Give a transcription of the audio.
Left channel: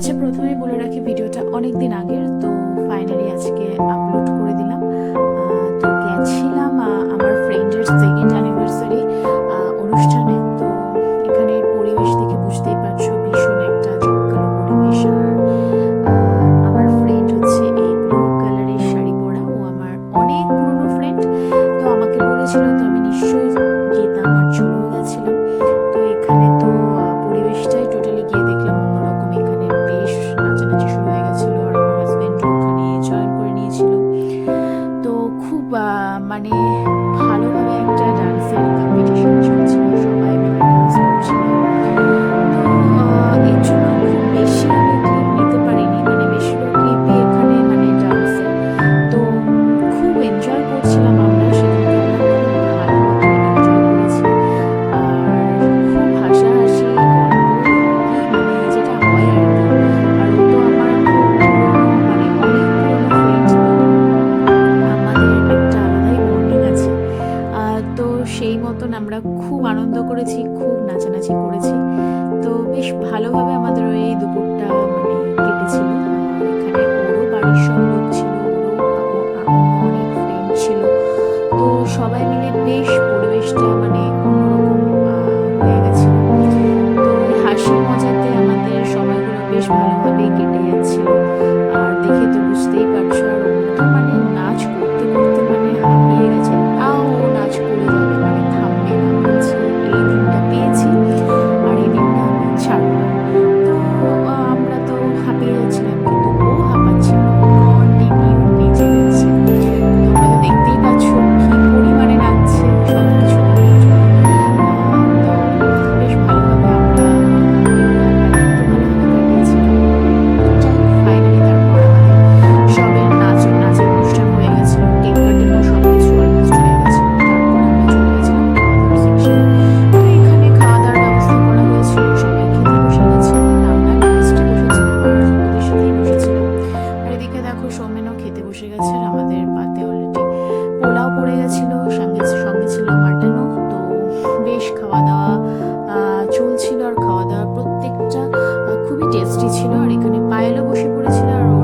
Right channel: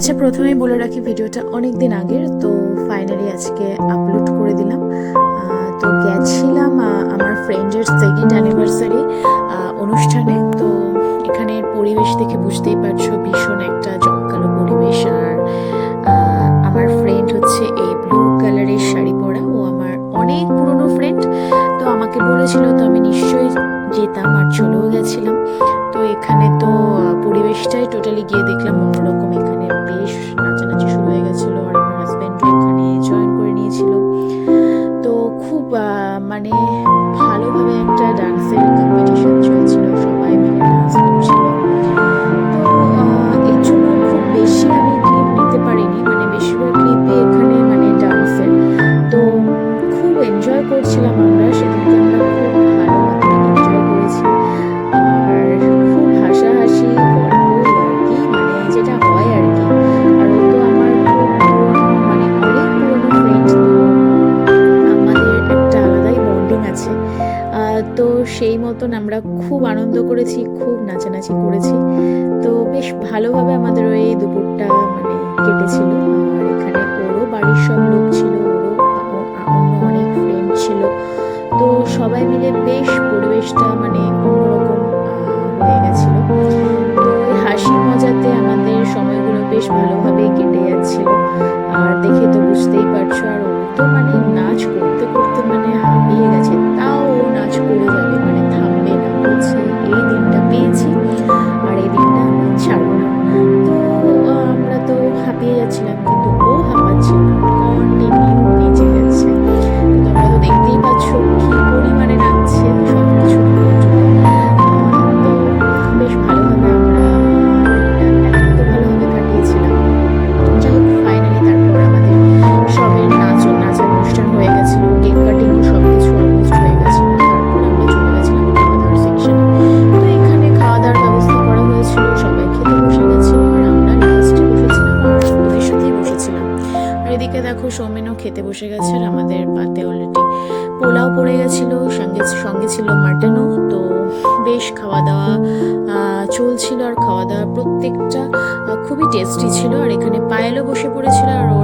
আচ্ছা, প্রথমেই বলে রাখি ভিডিওটা অনেক দিন আগের, তো ফাইনালি আজকে আপলোড করে দিলাম। তো গেছিলাম আমার ফ্রেন্ডের সেকেন্ড অ্যানিভার্সারি অনুষ্ঠানে। তো এখানের পরিবেশ দেখে বুঝতেই পারছো, ভীষণ একটা জমকালো পরিবেশ। আর আমার ফ্রেন্ড হচ্ছে এই ব্লু কালারের শাড়ি পরা, ও আমার অনেক পুরনো ফ্রেন্ড। তো আমাকে বলেছিল, তো আমি নিশ্চয়ই যেতাম, আর চলেও গেছিলাম। তো এখানে তো পরিবেশটাই টোটালি গিয়ে দেখলাম অন্যরকম। এখানে বেশ নাচানাচি শুরু হয়ে গেছিলো, আর আমার হাজব্যান্ডও এখানে জয়েন করে নিয়েছিল। তো খুব মানে ভালোভাবে একটা ডান্সের কম্পিটিশন চলছিল, সবাই মিলে ডান্স করছিল। তো এর জন্য খুব বেশি আমি ক্লিপ নিতে পারিনি, মানে বেশিরভাগ ক্লিপই এখানে মানে ডান্সের। তো খুব এনজয় করছিলাম আমরা সেদিনকে, আমরা খুব ভালো মতো এনজয় করেছি। আর খুব হাসাহাসি গল্প আর কি, মানে যেটা হয় আর কি। আর ও তো আমার খুব পুরনো, মানে অনেক পুরনো ফ্রেন্ড, তো আমাদের একটা আলাদাই বন্ডিং আছে। তো সেই মতন আমরা খুব আনন্দ করেছি, খুব নাচানাচি করেছি। তো বেশ ভালোভাবে আমাদের ওই দুপুরটা মানে কেটেছিল। আর এখানে ওরও বাড়ির সব লোক ছিল, ওরও অন্য অনেক ফ্রেন্ড ছিল। তো সবাই মিলে বেশ পরিবেশটা মানে অন্যরকম হয়ে গেছিল। তো এই হাসি মজাতে আমাদের সময়গুলো বেশ ভালোভাবেই কেটে যাচ্ছিল। আর দেখে তো বুঝতেই পারছো, আর ও তো মানে নাচ করতে করতে মানে হাঁপিয়ে গেছে, তাও ও নাচ করে যাবে, মানে থামবে না, বলছে এই দিনটা পেয়েছি আর এই দিনটা আমি ছাড়বো না। তো আমরা তো হাঁপিয়ে যাচ্ছিলাম, কিন্তু ও হাঁপাচ্ছিল না, কন্টিনিউ নেচে যাচ্ছে। তোমরা তো দেখতেই পাচ্ছ কি পরিমাণে নাচছে সব কিছু ভুলে চলে। তো বেশ ভালোভাবে আমরা দিনটা এত ভালোভাবে কাটিয়েছিলাম। যাই হোক, ফাইনালি তারপর আমাদের সবের নাচের অনুষ্ঠান হয়ে গেছিলো, কেক কাটিংও সব কিছু অলমোস্ট হয়ে গেছিলো। তারপর আমরা চলে গেছিলাম খাওয়া দাওয়ার সেকশনে। তো এখানে খাওয়া দাওয়ার ব্যবস্থা করা হয়েছিল, সবাই খেতে বসে গেছিল, আর আমরা লাস্টে বসেছিলাম আর ওদের সাথেই বসেছিলাম। আর এদিকে দেখো সৌমেনও খেতে বসে গেছে, আর আমাদের পাতে অলরেডি পোলাও পড়ে গেছিলো, সঙ্গে সঙ্গে ছিল মাটনও। তো বেশ খাওয়া দাওয়া চলছিল, আর খাওয়া দাওয়া প্রত্যেকটা খুবই টেস্টি ছিল। আর এখানে পায়েলও বসে পড়েছিল, আর ও